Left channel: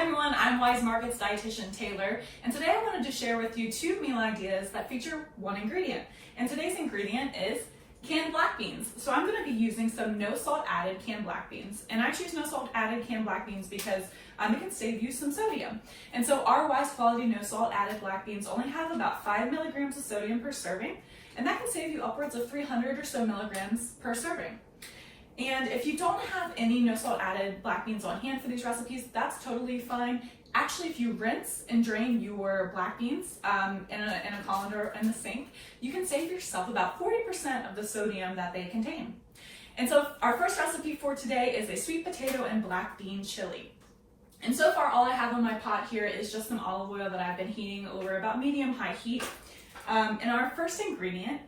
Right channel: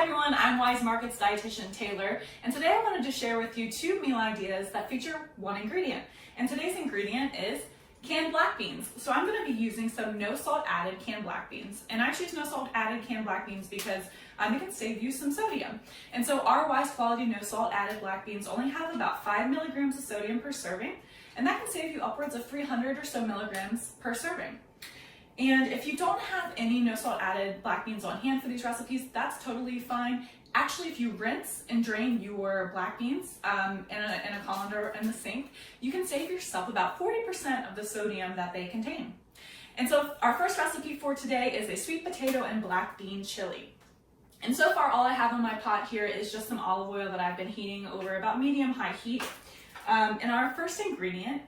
everyone, I'm Weis Markets Dietitian Taylor, and today I wanted to share with you 2 meal ideas that feature one ingredient. And today's ingredient is canned black beans. So I'm going to be using some no salt added canned black beans. And I choose no salt added canned black beans because it can save you some sodium. And so our Weis quality no salt added black beans only have about 5 milligrams of sodium per serving, and that can save you upwards of 300 or so milligrams per serving. And if you don't have any no salt added black beans on hand for these recipes, that's totally fine. Actually, if you rinse and drain your black beans in a colander in the sink, you can save yourself about 40% of the sodium that they contain. And so our first recipe for today is a sweet potato and black bean chili. And so far, all I have in my pot here is just some olive oil that I've been heating over about medium-high heat. And our first ingredient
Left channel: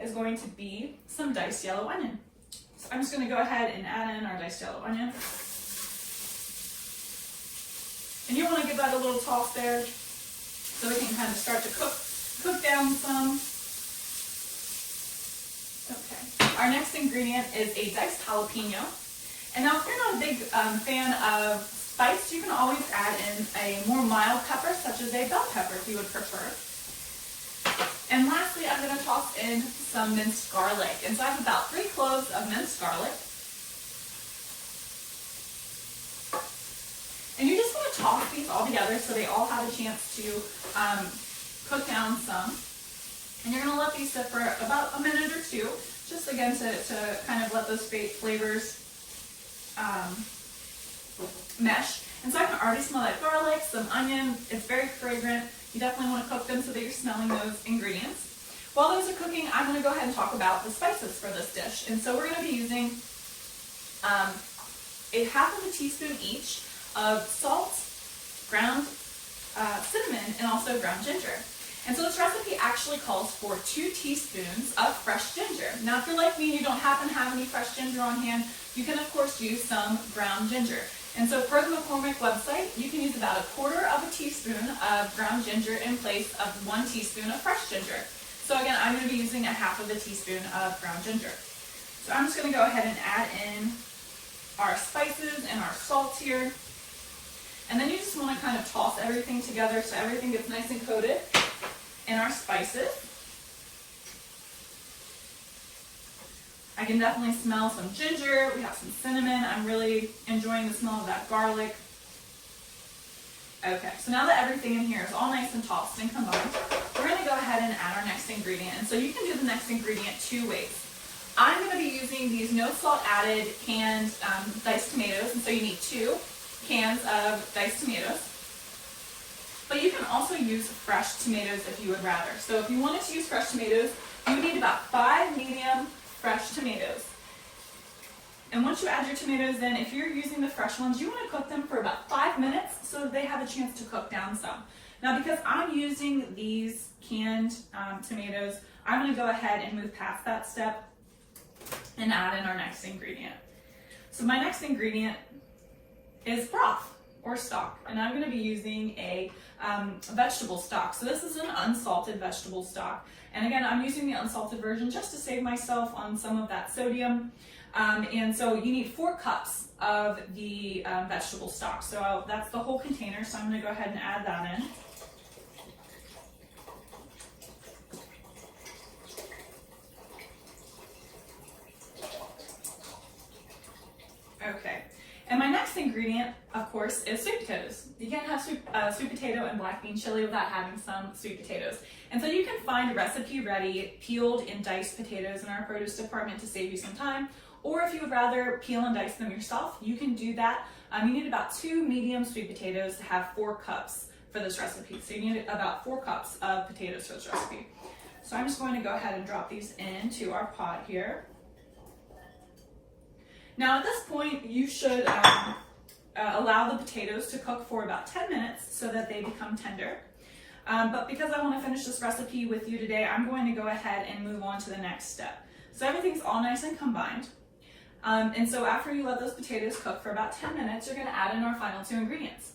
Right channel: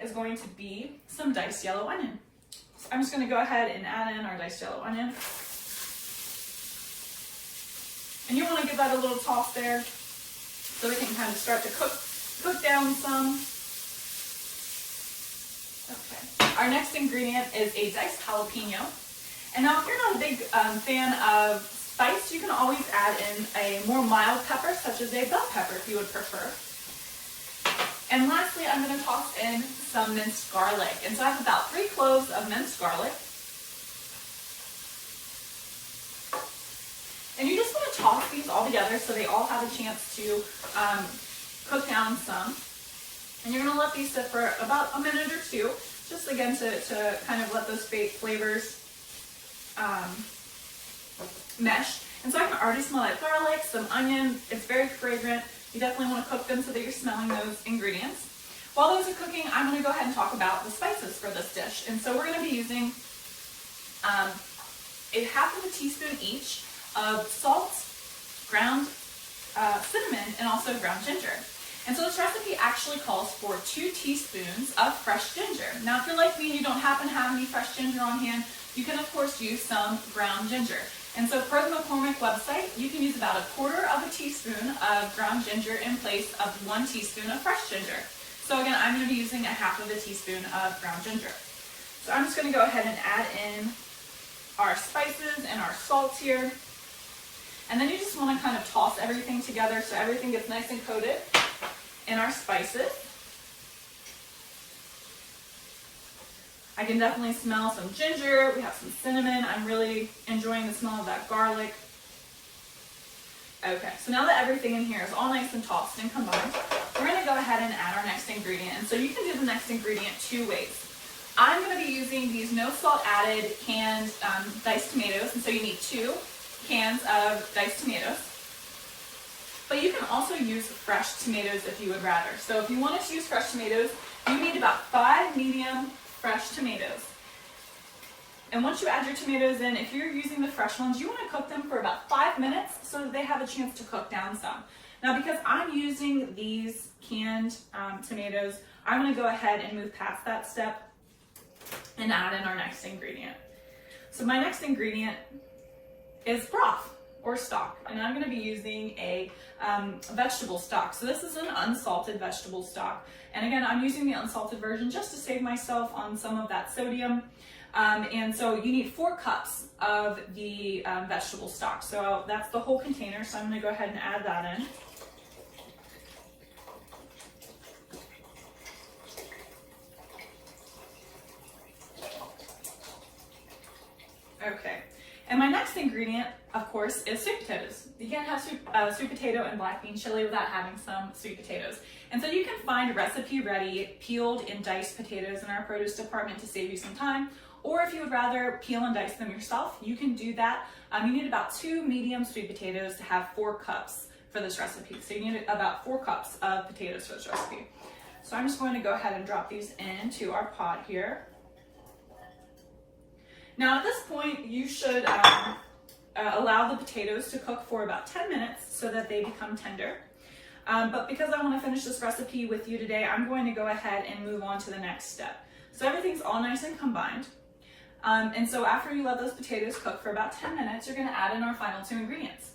is going to be some diced yellow onion. So I'm just going to go ahead and add in our diced yellow onion. And you want to give that a little toss there so it can kind of start to cook down some. Okay. Our next ingredient is a diced jalapeno. And now if you're not a big fan of spice, you can always add in a more mild pepper, such as a bell pepper if you would prefer. And lastly, I'm going to toss in some minced garlic. And so I have about 3 cloves of minced garlic. And you just want to toss these all together so they all have a chance to cook down some. And you're going to let these sit for about a minute or two, just again to kind of let those flavors mesh. And so I can already smell that garlic, some onion. It's very fragrant. You definitely want to cook them so that you're smelling those ingredients. While those are cooking, I'm going to go ahead and talk about the spices for this dish. And so we're going to be using a half of a teaspoon each of salt, ground cinnamon, and also ground ginger. And so this recipe actually calls for 2 teaspoons of fresh ginger. Now, if you're like me and you don't happen to have any fresh ginger on hand, you can of course use some ground ginger. And so per the McCormick website, you can use about 1/4 of a teaspoon of ground ginger in place of 1 teaspoon of fresh ginger. So again, I'm going to be using 1/2 of a teaspoon of ground ginger. So I'm just going to go ahead and add in our spices and our salt here. And then you just want to kind of toss everything together so everything gets nice and coated in our spices. I can definitely smell some ginger. We have some cinnamon. I'm really enjoying the smell of that garlic. Okay, so now that everything in here is all nice and tossed and combined, we're going to go ahead and add our next ingredient. And so you can do the next ingredient 2 ways. I'm going to be using these no salt added canned diced tomatoes. And so you need 2 cans of diced tomatoes. But you can also use fresh tomatoes if you would rather. So if you wanted to use fresh tomatoes, you need about 5 medium fresh tomatoes. And once you add your tomatoes in, if you're using the fresh ones, you want to cook them for about 5 minutes so that they have a chance to cook down some. Now, because I'm using these canned tomatoes, I'm going to go ahead and move past that step and add in our next ingredient. So my next ingredient is broth or stock, and I'm going to be using a vegetable stock. So this is an unsalted vegetable stock. And again, I'm using the unsalted version just to save myself on some of that sodium. And so you need 4 cups of the vegetable stock. So that's the whole container. So I'm going to go ahead and add that in. Okay. And my next ingredient, of course, is sweet potatoes. You can't have sweet potato and black bean chili without having some sweet potatoes. And so you can find recipe-ready peeled and diced potatoes in our produce department to save you some time. Or if you would rather peel and dice them yourself, you can do that. You need about 2 medium sweet potatoes to have 4 cups for this recipe. So you need about 4 cups of potatoes for this recipe. So I'm just going to go ahead and drop these into our pot here. Now at this point, you should allow the potatoes to cook for about 10 minutes so that they become tender. But because I want to finish this recipe with you today, I'm going to go ahead and move on to the next step. So everything's all nice and combined. And so after you let those potatoes cook for about 10 minutes, you're going to add in our final 2 ingredients.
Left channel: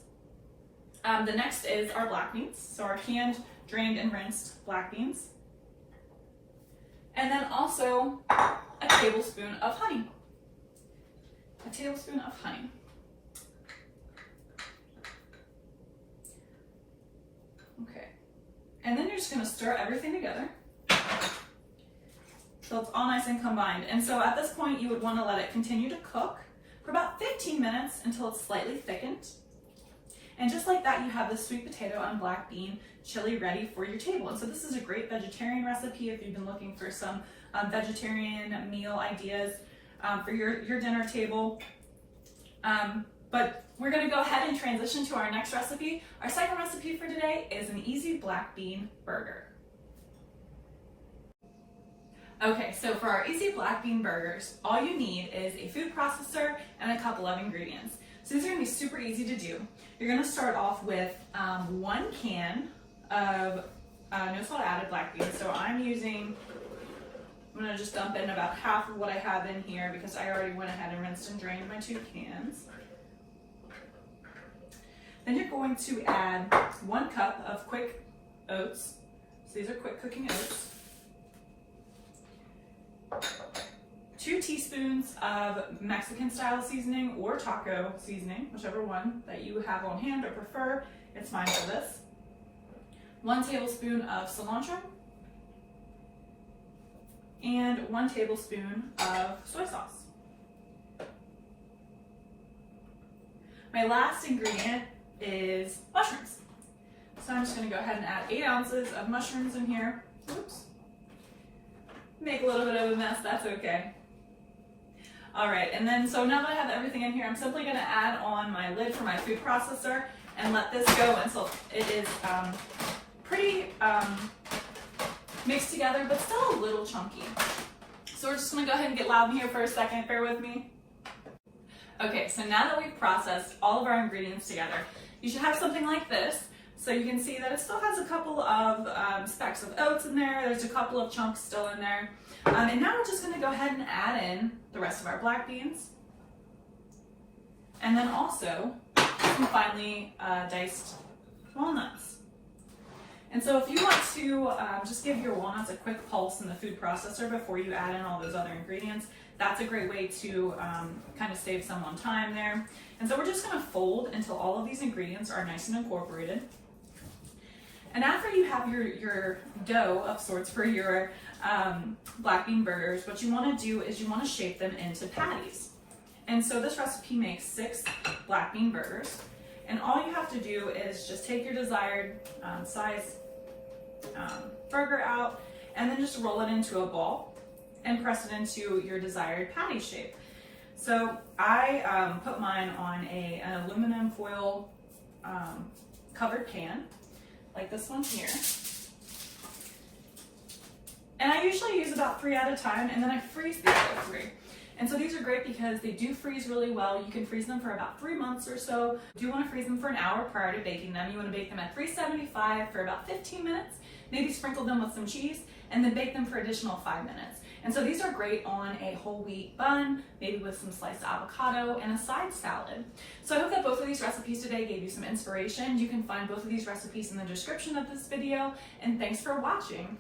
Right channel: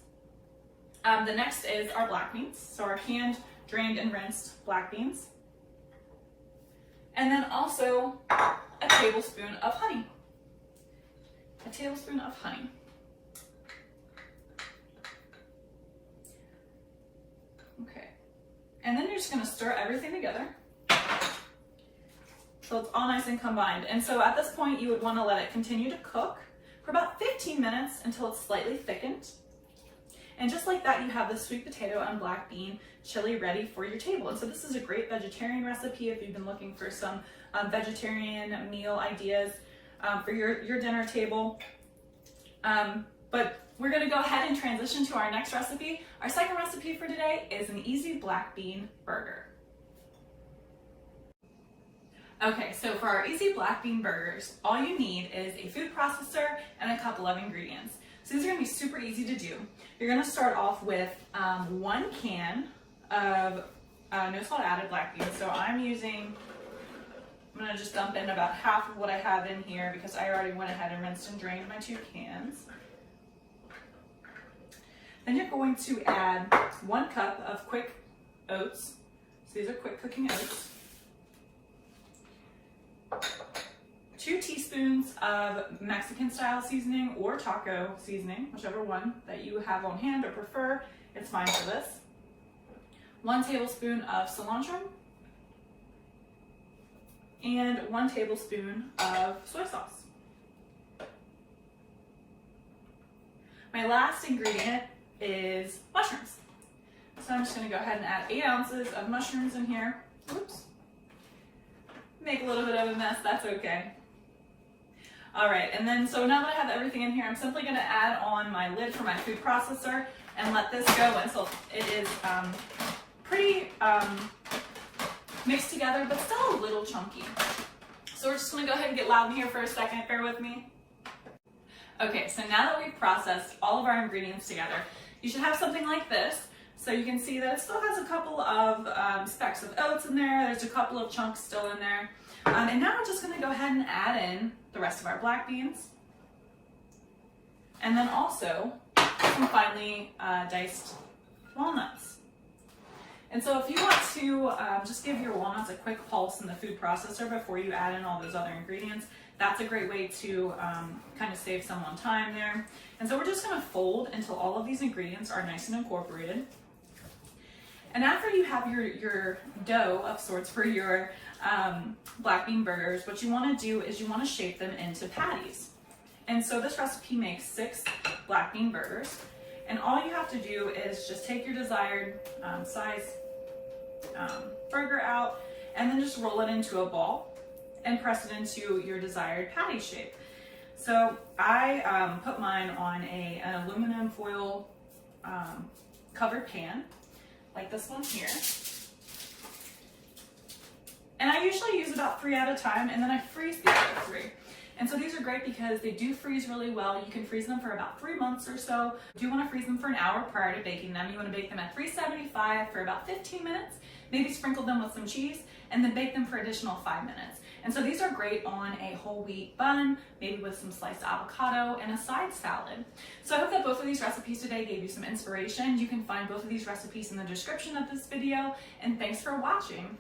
The next is our black beans, so our canned, drained, and rinsed black beans. And then also a tablespoon of honey. A tablespoon of honey. you're just gonna stir everything together so it's all nice and combined. And so at this point, you would wanna let it continue to cook for about 15 minutes until it's slightly thickened. And just like that, you have the sweet potato and black bean chili ready for your table. And so this is a great vegetarian recipe if you've been looking for some vegetarian meal ideas for your dinner table. But we're gonna go ahead and transition to our next recipe. Our second recipe for today is an easy black bean burger. Okay, so for our easy black bean burgers, all you need is a food processor and a couple of ingredients. So these are gonna be super easy to do. You're gonna start off with 1 can of no salt added black beans. So I'm gonna just dump in about half of what I have in here because I already went ahead and rinsed and drained my 2 cans. Then you're going to add 1 cup of quick oats. So these are quick cooking oats. 2 teaspoons of Mexican style seasoning or taco seasoning, whichever one that you have on hand or prefer, it's fine for this. 1 tablespoon of cilantro and 1 tablespoon of soy sauce. My last ingredient is mushrooms. So I'm just gonna go ahead and add 8 ounces of mushrooms in here. Oops. Make a little bit of a mess, that's okay. All right, and then so now that I have everything in here, I'm simply gonna add on my lid for my food processor and let this go until it is pretty mixed together, but still a little chunky. So we're just gonna go ahead and get loud in here for a second, bear with me. Okay, so now that we've processed all of our ingredients together, you should have something like this. So you can see that it still has a couple of specks of oats in there. There's a couple of chunks still in there. And now we're just gonna go ahead and add in the rest of our black beans. And then also some finely diced walnuts. And so if you want to just give your walnuts a quick pulse in the food processor before you add in all those other ingredients, that's a great way to kind of save someone time there. And so we're just gonna fold until all of these ingredients are nice and incorporated. And after you have your dough of sorts for your black bean burgers, what you wanna do is you wanna shape them into patties. And so this recipe makes 6 black bean burgers. And all you have to do is just take your desired size burger out and then just roll it into a ball and press it into your desired patty shape. So I put mine on an aluminum foil covered pan, like this one here. And I usually use about 3 at a time, and then I freeze the other 3. And so these are great because they do freeze really well. You can freeze them for about 3 months or so. You do want to freeze them for an hour prior to baking them. You want to bake them at 375 for about 15 minutes, maybe sprinkle them with some cheese, and then bake them for additional 5 minutes. And so these are great on a whole wheat bun, maybe with some sliced avocado and a side salad. So I hope that both of these recipes today gave you some inspiration. You can find both of these recipes in the description of this video, and thanks for watching.